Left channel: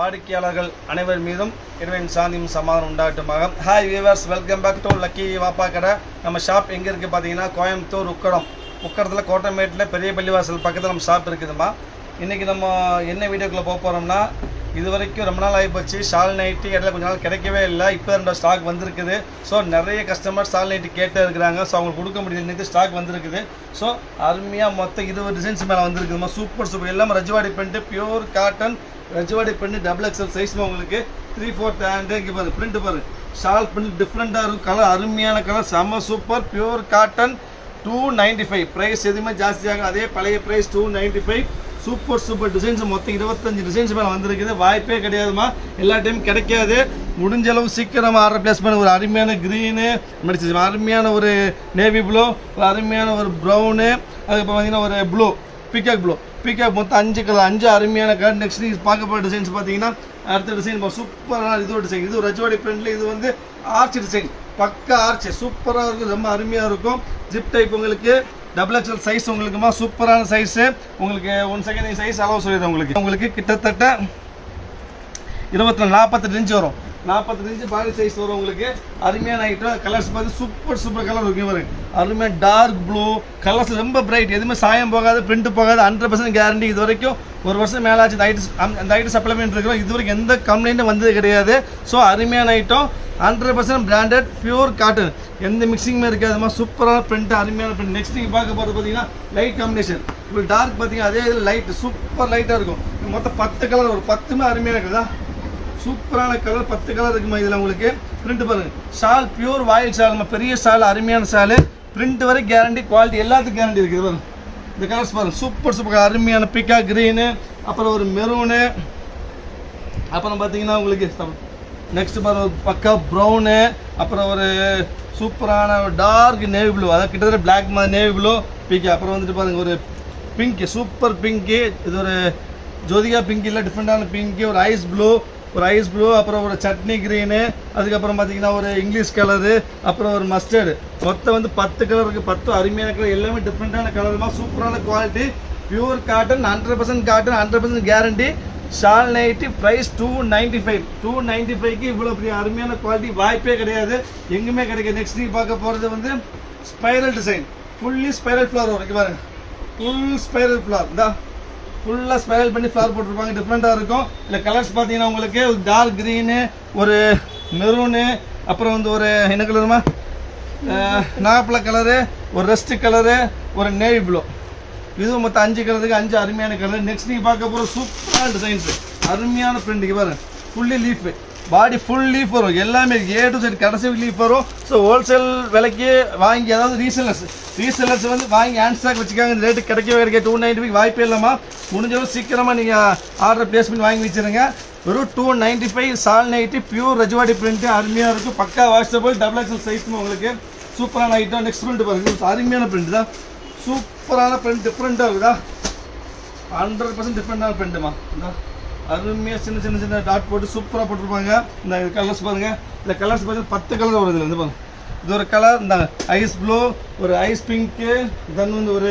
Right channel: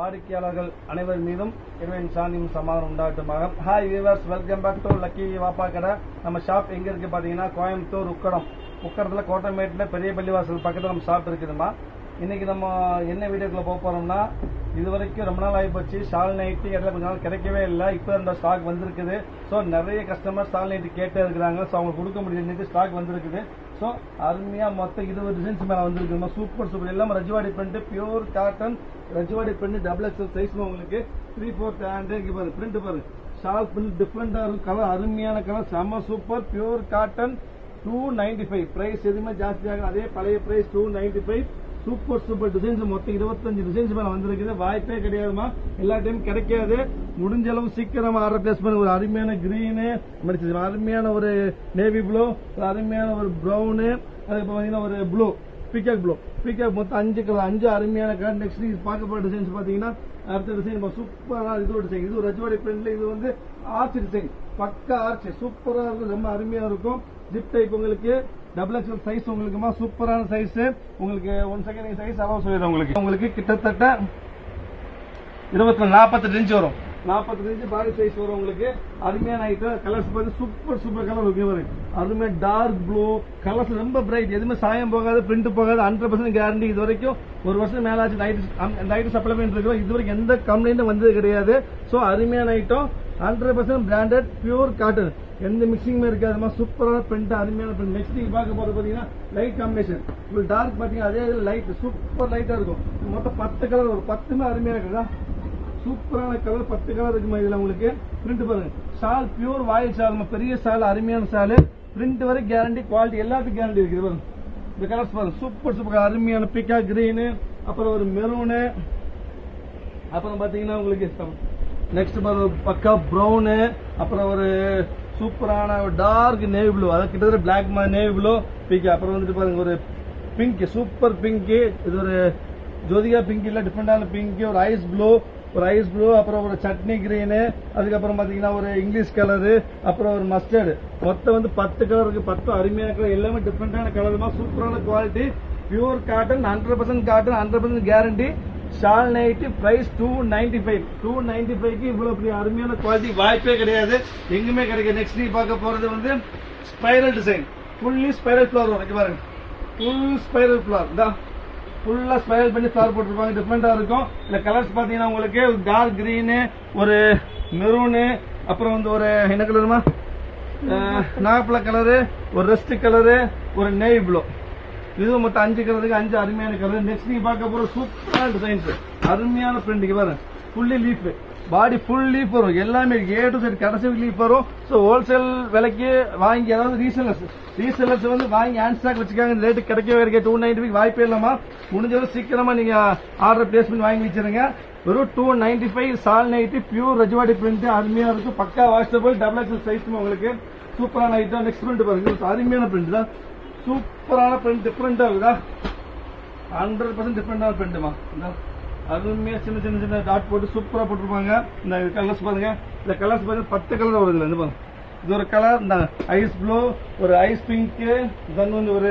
வாடிக்கையாளர்கள் அனைவர் மீதும் இறைவனின் சாந்தியும் சமாதானம் உண்டாகட்டுமாக. Hi viewers, welcome back to lucky Vaappa Kadai. நம்ம ஷாப் எங்கே இருக்குது பார்த்தீங்கன்னா, கோயம்புத்தூர் உக்கடத்தில் கோட்டமேட்டில் பெரிய பள்ளிவாசல் பக்கத்தில் நம்ம ஷாப் இருக்குதுமா. இன்றைக்கி நம்ம என்ன வீடியோக்குள்ளே போக போகிறோம்னா, இது வரைக்கும் ரொம்ப நாள் ஆகிப்போச்சு. ஷால் நைட்டி இடையில கொஞ்ச நாள் கிடைக்கவே இல்லை. இப்போ 2 ஸ்டாக் வந்திருக்குது. ஸோ நிறைய கஸ்டமர் ஷால் நைட்டி கேட்டே இருக்கிறாங்க. ஸோ அவங்களுக்கு கொடுக்க முடியல, இன்னைக்கு ஸ்டாக் வந்திருக்குது. ஸோ அருமையாக மொத்தம் 20 டிசைன்ஸ் மேலே வந்திருக்குதுமா. சூப்பர் எல்லாமே Rajwadi print, pure cotton Rajwadi print, XXL சைஸ்மா. உங்களுக்கு 3/4 ஹேண்டு. இங்கே பாரு பிரிண்ட் பாரு, ஷால் பிரிண்ட் டிஃப்ரெண்ட்டாக இருக்கும். கலர் அருமையான கலர், செம்ம சூப்பர். Pure cotton 295. ப்ரைஸ் எதுவுமே ஜாஸ்தியாகும், அதே பழைய ப்ரைஸ் 295. சூப்பர் டிசைன்ஸ் மொத்தம் 25 டிசைன்ஸ் மேலே வந்திருக்குது. வாய்ப்பே கிடையாதுமா, எல்லா டைமும் கிடைக்காது. முடிஞ்ச அளவு சீக்கிரமாக ஆர்டர் பிளேஸ் பண்ண. ஒரு அருமையான க்ரீனு மெடிச்சு, அருமையான ஒரு நேவி ப்ளூ, ஒரு அருமையான ஒரு ப்ரௌனு, அதுக்கப்புறம் பார்த்தீங்கன்னா ஒரு ப்ளூ பீகாக் மொத்தம் 5 கலர், 5 அருமையான கலர். நெக்ஸ்ட் நீங்கள் பார்க்க போகிற டிசைன்ஸ் பார்த்தீங்கன்னா, அடுத்த டிசைன் சூப்பரான இது ஒரு டிசைன். இது ரஜ்வாடி பிரிண்ட்ல, இது வந்து ஆர்ச் டிசைன், பக்கா ஆர்ச், சூப்பராக இருக்கும், ரொம்ப அருமையாக இருக்கும். ஜிப் டைப் உங்களுக்கு XXL சைஸ் உங்களுக்குமா, சூப்பரான சைஸு. உங்களுக்கு 1 செகண்ட் சைஸ் அளவு சொல்லிடுறேன். உங்களுக்கு கிட்டத்தட்ட 42-48 இன்ச் வரும். 48 இன்ச் பாடி சைஸ் வரும். உங்களுக்கு அருமையான ஐட்டம். கலர்ஸ் பார்த்து சூப்பர் கலர் இருக்கும் பாருங்க. அருமையாக டார்க் ப்ளூ கலர்ஸ், ரொம்ப பிரைட், எதுவுமே சாயம் போகாது, பிரிண்ட் போகாது, 100% கேரண்டி. இது வரைக்கும் 1 வருஷம் மேலே ஆச்சு அந்த ஐட்டம் சப்ளை பண்ணிட்டு இருக்கிறோம். இது வரைக்கும் எந்த கம்ப்ளைண்ட்டும் வந்தது கிடையாது. ஸோ அருமையான ஐட்டம், 100% பிராண்டட், பியூர் காட்டன், எந்த மிக்சிங்குமே இருக்காதுமா. சூப்பரான பிரிண்ட், அருமையான பிரிண்ட். நெக்ஸ்ட் நீங்கள் பார்க்க போகிறது பார்த்தீங்கன்னா லைட் காம்பினேஷன். உங்களுக்கு டார்க் பார்த்தீங்கன்னா அதே இதில் லைட் சூப்பர் லைட்டாக இருக்கும். மொத்தம் 10 கலர் வரும். 10மே அருமையாக இருக்குதா, சூப்பரான கலர். 10 கலர் இருக்குமா இதில். உங்களுக்கு பிரிண்ட் பாருங்க, ஷால் பியூர் வாயில் ஷால், பெரிய ஷால், அருமையான ஷாலு. பிரிண்ட் வரை கேரண்டி, குவாலிட்டி எல்லாத்துக்கும் கேரண்டி இருக்குது பாருங்க. இந்த கலர்ஸ் பாருங்க, சூப்பர் அருமையான பீகாக் கிரீனு, அப்புறம் ஒரு மெரூனு, அப்புறம் பார்த்தீங்கன்னா உங்களுக்கு நெக்ஸ்ட் பாருங்க ஒரு பக்கா ப்ரௌனு, அப்புறம் ஒரு சூப்பரான ஒரு டார்க் நேவி ப்ளூ, அதாவது கிட்டத்தட்ட பிளாக் மாதிரி நேவி ப்ளூ பீக்கா. அப்புறம் வந்துட்டு பாருங்க ஒரு பிங்க், சூப்பர் பிங்க்கு, இது ஒரு ஜோதிகா பிங்க் இல்லை, டிஃப்ரெண்டான பிங்க்கு. ஒரு ஐஸ் ப்ளூ, அப்புறம் ஒரு சட்னி கிரீனு, அதுக்கப்புறம் பார்த்தீங்கன்னா ஒரு இங்கிலீஷ் கலரு, அப்புறம் ஒரு மஸ்டர்டு. மொத்தம் வந்து 10 கலர் இருக்குது. 10 அருமையான கலர், எல்லாமே டிஃப்ரெண்டான கலருமா. சூப்பரான quality, pure cotton, 100% cotton, 100% guarantee. Shawl nighty price 295. 295க்கு இவ்வளோ பெரிய அருமையான குவாலிட்டி வாய்ப்பே கிடையாது, எங்குமே கிடைக்காது. நெக்ஸ்ட் நீங்கள் பார்க்க போகிறது வந்து spiral design, fully spiral flower வரும். பாருங்க, ஃபுல் ஸ்பைரல் ஃப்ளவர் தான், ஃபுல்லாக ஸ்பைரல் பண்ணி ஃப்ளவர் போட்டிருப்பாங்க. டிஃப்ரெண்ட்டாக இருக்கும். இல்லை கலர்ஸ் பார்த்தீங்கன்னா உங்களுக்கு ஒரு டார்க் க்ரீனு, ஒரு மெரூனு, அப்புறம் வந்து ஒரு என்ன கலருமா, நாப்பழ கலரு, ஒரு ரெஸ்ட் கலரு, ஒரு நேவி ப்ளூ. இதுவும் மொத்தம் 5 கலருக்கு 5 அருமையான கலர். நெக்ஸ்ட் நீங்கள் பார்க்க போகிற சூப்பரான டிசைன்ஸ், அருமையான பிரிண்ட் பாருங்க. Fully leaf, body full leaf வரும். எல்லாமே A to Z கடைசி லீஃப் வரும். ஸோ ஹோல்சேல் விலைக்கு வாங்கி, அதாவது ரீசெல்லர்ஸ் வந்து வாங்கி ஹேண்ட் ஸ்டாக் வச்சுக்காங்க. இந்த ரேட்டு கிடைக்கவே 295 வாய்ப்பே இல்லாமல். முடிஞ்சளவு சீக்கிரமாக நீங்கள் ஆர்டர் பிளேஸ் பண்ணி வாங்கி வச்சுருங்க. வெறும் 295 shawl nighty, pure Rajwadi print, அருமையாக இருக்கும். பக்கா வாஷபிள், XXL சைஸ் உங்களுக்கு. சூப்பரான ஐட்டம். நெக்ஸ்ட் பிரிண்ட் பாருங்க, அருமையான பிரிண்ட் தான், சூப்பரான பிரிண்ட், டிஃப்ரெண்ட்டாக இருக்குதா, 100% டிஃப்ரெண்டான பிரிண்ட்டுமா. அருமையாக சின்ன டாட் போட்டு சூப்பராக போட்டிருப்பாங்க. இந்த கலர்ஸ் பாருங்கள். இந்த கலர்ஸ் பார்த்தீங்கன்னா 10 கலர் வருது. இது பாருங்க, இது ஒரு கலர், இந்த ஐஸ் ப்ளூ, ஒரு ஐஸ் பிங்க்கு, தென் வந்து ஒரு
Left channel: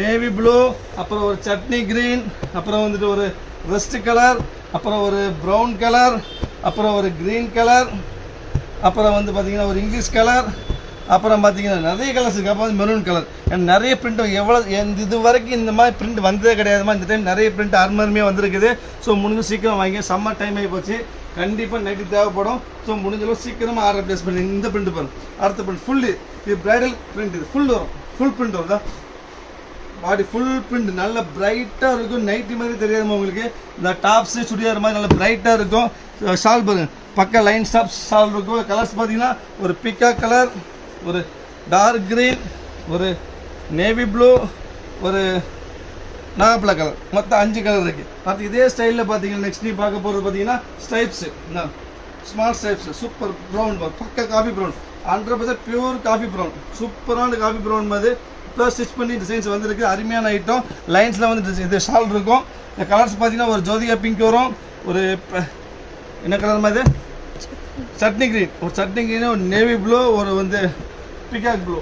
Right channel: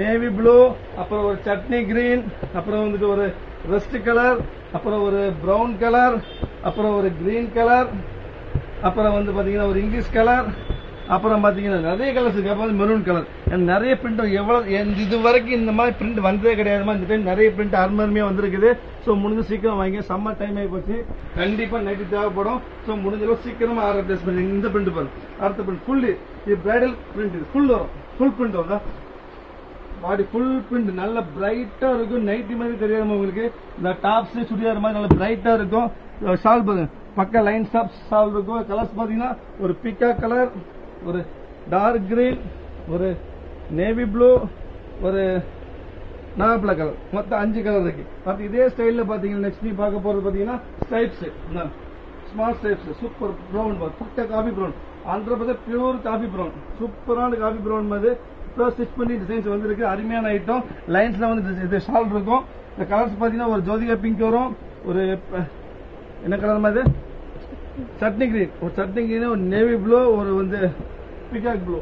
நேவி ப்ளூ, அப்புறம் ஒரு சட்னி கிரீன், அப்புறம் வந்துட்டு ஒரு ரெஸ்ட் கலர், அப்புறம் ஒரு ப்ரௌன் கலர், அப்புறம் ஒரு க்ரீன் கலர், அப்புறம் வந்து பார்த்தீங்கன்னா ஒரு இங்கிலீஷ் கலர், அப்புறம் பார்த்தீங்கன்னா நிறைய கலர்ஸ் இருக்குது. அப்புறம் மெரூன் கலர். நிறைய பிரிண்ட், எவ்வளோ இது வரைக்கும் இந்த மாதிரி பிரிண்ட் வந்ததே கிடையாதுமா. இந்த டைம் நிறைய பிரிண்ட் அருமையாக வந்திருக்குது. ஸோ முடிஞ்சு சீக்கிரம் வாங்கி, சம்மர் டைம் ஆகி போச்சு, கண்டிப்பாக நைட்டு தேவைப்படும். ஸோ முடிஞ்சளவு சீக்கிரமாக ஆர்டர் பிளேஸ் பண்ணி. இந்த பிரிண்ட் பாருங்க, அடுத்த பிரிண்ட் ஃபுல்லு, இது பிரைடல் பிரிண்ட், இது ஃபுல் வரும், ஃபுல் பிரிண்ட் வரும். பாடி ஃபுல் பிரிண்ட், நல்ல பிரைட்டாக இருக்கும். நைட்டி மாதிரி தெரியாதுமா உங்களுக்கு. இந்த டாப்ஸு சுடிதார் மாதிரி நல்ல பிரைட்டாக இருக்கும். ஷால் பாருங்க, பக்கா லைன் ஸ்டாப் ஷால் இருக்கும். கலர்ஸ் பார்த்தீங்கன்னா ஒரு பிக்கா கலர், ஒரு டார்க் கிரீன், ஒரு நேவி ப்ளூ, ஒரு நாகப்பழ கலர், மொத்தம் 5 கலர் இருக்குது. அடுத்து இதே ஸ்டைலில் பார்த்தீங்கன்னா நெக்ஸ்ட் நீ பார்க்க போகிறது பார்த்தீங்கன்னா ஸ்டைப்ஸு, ஸ்மால் ஸ்டைப்ஸு, சூப்பர் ப்ரௌன், பக்கா coffee brown, 100% pure coffee brown, சூப்பரான காஃபி ப்ரௌன் மாதிரி ப்ளஸ் ஸ்டிச் பண்ணி டிசைன்ஸ் வந்துருக்கு. அருமையான ஐட்டம். லைன்ஸில் வந்து இது ஷால் இருக்கும். இந்த கலர்ஸ் பார்த்தீங்கன்னா ஒரு ஜோதிகா பிங்க் வரும், ஒரு என்ன கலர் மாதிரி சட்னி கிரீன், ஒரு சட்னி கிரீன், ஒரு நேவி ப்ளூ, ஒரு வந்து பீகாக் ப்ளூ.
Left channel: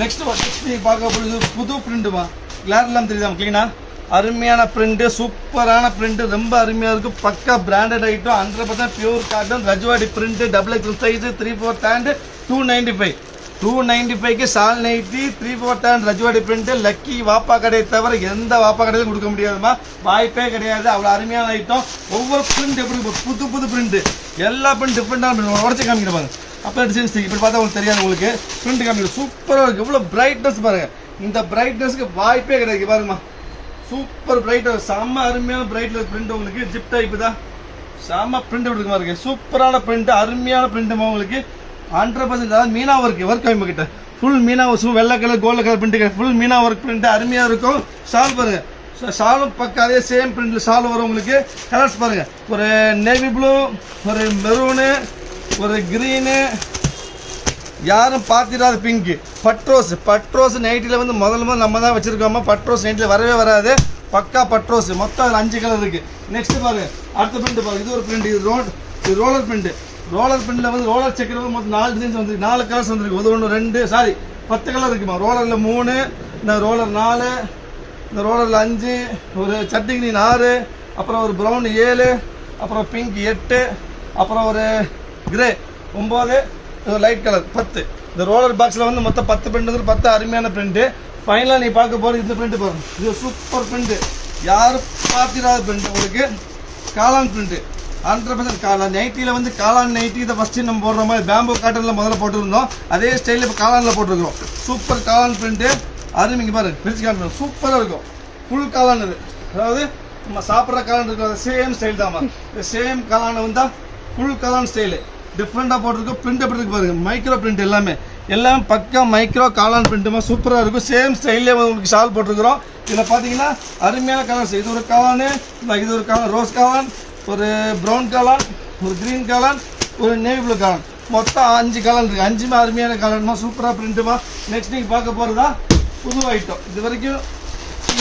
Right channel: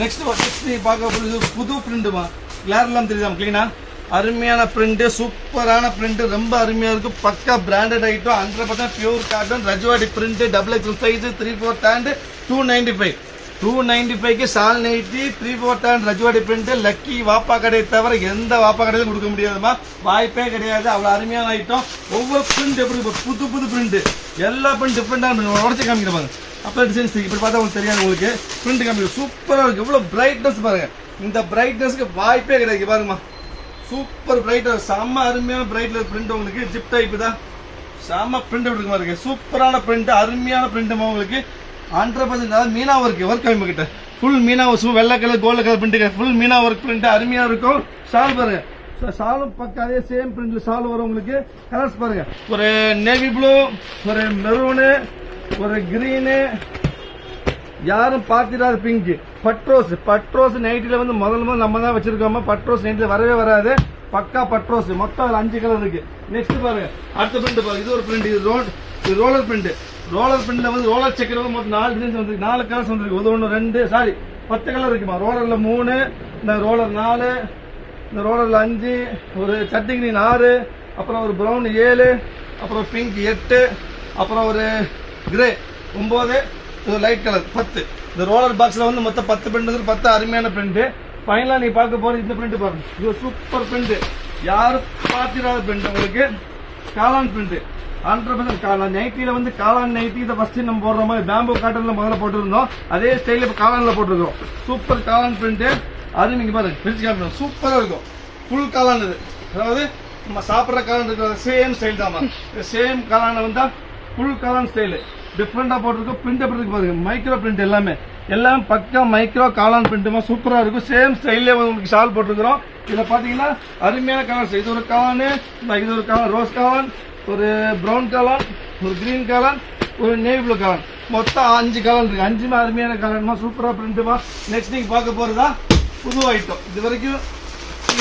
நெக்ஸ்ட் நீ பார்க்க போகிறது புது பிரிண்ட்டுமா. கிளார் எல்லாம் தெரியுதா க்ளீனா, அருமையான பிரிண்ட், சூப்பரான பிரிண்ட், ரொம்ப அருமையா இருக்கு. பக்கா branded item, 100% pure cotton, Rajwadi print, double XL size, 3/4 hand, 295. 295க்கு shawl nighty, 3/4 hand Rajwadi print. Lucky வாப்பா கடையை தவிர எந்த வாப்பா கடையிலும் கொடுக்க முடியாதுமா, வாய்ப்பே கிடையாது. அவ்வளவு அருமையான ஐட்டம். ஒவ்வொரு பிரிண்ட் எப்படி புது புது பிரிண்ட், எல்லா பிரிண்ட் டிஃபரெண்டான பிரிண்ட். உடச்சு காமிக்கிறப்பாங்க அப்ப டிசைன்ஸ் இப்படி பார்த்தா உங்களுக்கு தெரியாது. உங்களுக்கு பிரிண்ட் காமிக்க சூப்பரா இருக்கு. இவ்வளவு பிரைட்னஸ் பாருங்க, இந்த பிரைட்னஸ்க்கு வாய்ப்பே கிடையாது. பாருங்கம்மா, சூப்பர் பிரைட், செம்ம அருமையான பிரைட்ல பிரிண்ட். உங்களுக்கு ஜிப் டைப் தான், செம்ம பிரிண்ட் இருக்கு பாருங்க. சூப்பரான பிரிண்ட், அருமையான பிரிண்ட் உங்களுக்கு 100%. அதாவது மீனா ஒர்க் நம்ம கிட்ட ஃபுல் மீனா ஒர்க், வெள்ளை colour gold colour print, full meena work print அருமையா இருக்கும். ஷால் பாருங்க, ஷாலும் பக்கம் அதே சேம் பிரிண்ட்ல ஷால் வரும் உங்களுக்கு. கலர்ஸ் பாருங்க, ஒரு நேவி ப்ளூ, ஒரு மெரூனு, ஒரு கிரீனு, யாரும் பாத்திராத பிங்க், பட்ரோஸ் நைட்டில வந்து முதல்ல நம்ம தான் வச்சிருக்கோமா. பட்ரோஸ் நைட்டில வரவே வராது, பக்கா பட்ரோஸ். மொத்தம் 5 கலர் இருக்கு. நெக்ஸ்ட் பாருங்க, அடுத்த பிரிண்ட் பாருங்க. இது ஒரு பிரிண்ட், இது ரோலர் பிரிண்ட். ரோலர் பிரிண்ட்ல வந்து ரோலர் செக்கர் மொத்தம் 4 டிசைன்ஸ் வந்துருக்கு, 4 கலர்ஸ் வந்துருக்கு. ஒன்று 2 சாரி 10 கலர் இருக்குமா. ரோலர்ல 3, இந்த ரோலர் 4, இந்த ரோலர்ல 5, ஒரு சட்டி கிரீன் 6, அப்புறம் ஒரு பிரவுன் 7, அப்புறம் பிங்க் 8, அப்புறம் ஒரு கிரே 9, லைட் கலர் 10. இந்த ரோலர் பாக்ஸ்ல வந்து மொத்தம் 10 பிரிண்ட் வந்து 10 அருமையான பிரிண்ட். ஃபைனலா நீ பார்க்க போறது இந்த பிரிண்ட் பாருங்க. இது சூப்பர் பிரிண்ட், யாரும் பார்த்திராத பிரிண்ட். உங்களுக்கு காளான் பிரிண்ட் 100% காளான் நைட்டில வந்து காளான் நைட்டி. இதை ஃபர்ஸ்ட் நம்ம போடுற மாதிரி பேம்பு காட்டன்ல முதல்ல போட்டுருந்தோம், அதே ஸ்டைல இப்போ காளான்ல போட்டுருக்கோம். சூப்பர் காளான் பிரிண்ட், அருமைங்க பாருங்க. பிரிச்சு காமிக்கணும், சூப்பரா இருக்கும். ஃபுல் காளான் இது, அதாவது நம்ம சாப்பிட்ற காளான் இருக்கிற சேம் ஸ்டைல் தான். சேம் காளான் வந்தா ஃபுல் காளான் ஸ்டைலு டிஃப்ரெண்டா போட்டிருக்கோம். பிரிண்ட் எப்படி இருக்கு பாருங்க, மைக்ரோ பிரிண்ட் எல்லாமே பக்கா மைக்ரோ காளான் பிரிண்ட்டுமா சூப்பரா இருக்கும். சேம் ஸ்டைல்லே உங்களுக்கு ஷால் போட்டிருக்கிறோம். இதுல பாத்தீங்கன்னா அருமையான கலர்ஸ். இது ஒரு காளான், இது ஒரு காளான், ரோஸ் காளான், ஒரு பிரவுன் காளான், ஒரு கிரீன் காளான், ஒரு நேவி ப்ளூ காளான். மொத்தம் 5 காளான் இருக்கு. 5மே அருமையான காளான்மா, சூப்பரா பிரிண்ட்டுமா. நெக்ஸ்ட் நீங்க பார்க்க போறதா புது ஐட்டம், இது வரைக்கும்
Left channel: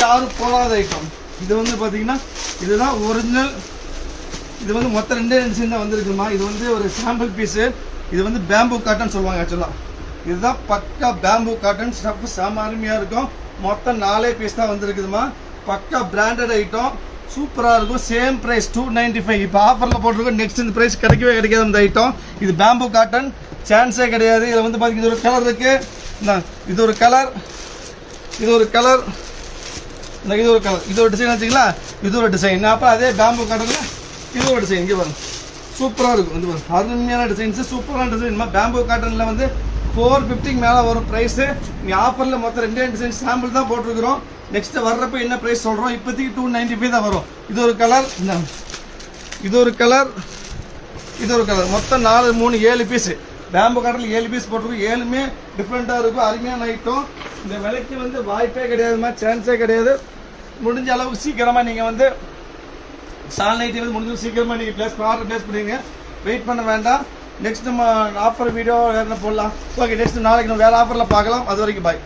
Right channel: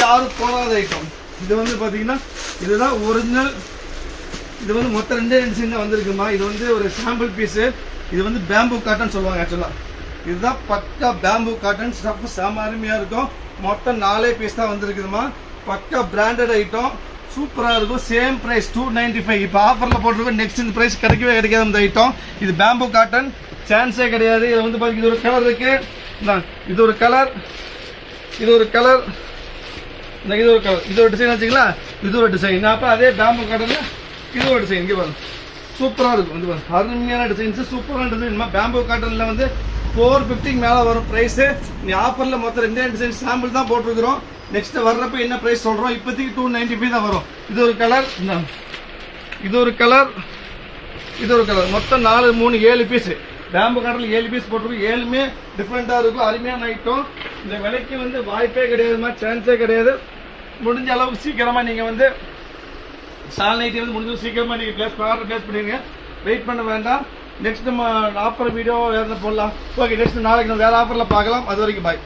யாரும் போகாத ஐட்டம். இது வந்து பாத்தீங்கன்னா இதுதான் ஒரிஜினல். இது வந்து மொத்தம் 2 டிசைன் தான் வந்திருக்குமா. இது வந்து ஒரு சாம்பிள் பீஸ். இது வந்து பேம்பு காட்டன் சொல்லுவாங்க ஆக்சுவலா. இதுதான் பக்கா பேம்பு காட்டன், ஸ்டஃப் செம அருமையா இருக்கும். மொத்தம் 4 பீஸ் தான் வந்திருக்குதுமா. பக்கா பிராண்டட் ஐட்டம், சூப்பரா இருக்கும். Same price 295. இப்போ ஆஃபர்ல போட்டிருக்கோம். நெக்ஸ்ட் இந்த பிரைஸ் கிடைக்கவே கிடைக்காது இந்த ஐட்டம். இது பேம்பு காட்டன், சான்ஸே கிடையாது. இது வந்து பாத்தீங்கன்னா இது ஒரு கலர் இருக்கு, இது ஒரு கலர், இது ஒரு கலர், இது ஒரு கலர், இது ஒரு டிசைன் வச்சுங்களா. இது ஒரு டிசைன். அப்ப அதே பேம்பு காட்டன்ல இது ஒரு டிசைன் இங்கே பாருங்க, சூப்பரா இருக்கும். இது பாருங்க அருமையான டிசைன்ஸ், சூப்பரான டிசைன். பேம்பு காட்டன்ல வந்து 450 மேல வரும் பிரைஸ். நீ ஆஃபர்ல மொத்தம் 2 டிசைன் சாம்பிள் தான் போட்டுருக்கிறோம். நெக்ஸ்ட் வர்றப்ப என்ன பிரைஸ் சொல்றோம், இப்போதைக்கு 295 தான் வரும். இது ஒரு கலர், இது ஒரு கலர், இது ஒரு கலர். மொத்தம் 4 3 7 பீஸ். பேம்பு காட்டன்ல 7 பீஸ் போட்டிருக்கோம். 7மே டிஃப்ரெண்டா இருக்கும், அருமையான ஐட்டம். இந்த விலைக்கு வந்து வாய்ப்பே கிடையாதுமா, சான்ஸே கிடையாது. முடிஞ்ச அளவுக்கு சீக்கிரமா நீங்க வந்து சால் நைட்டி வந்து முடிஞ்ச சீக்கிரமா நீங்க ஆர்டர் பிளேஸ் பண்ணுவீங்க, வெயிட் பண்ண வேண்டாம். நெக்ஸ்ட் நம்ம ஆஃபர் வீடியோ போடலாம். ஓகே, நெக்ஸ்ட் நாளைக்கு நம்ம வேற ஆஃபர்ல பார்க்கலாம். அது வரைக்கும் பாய்.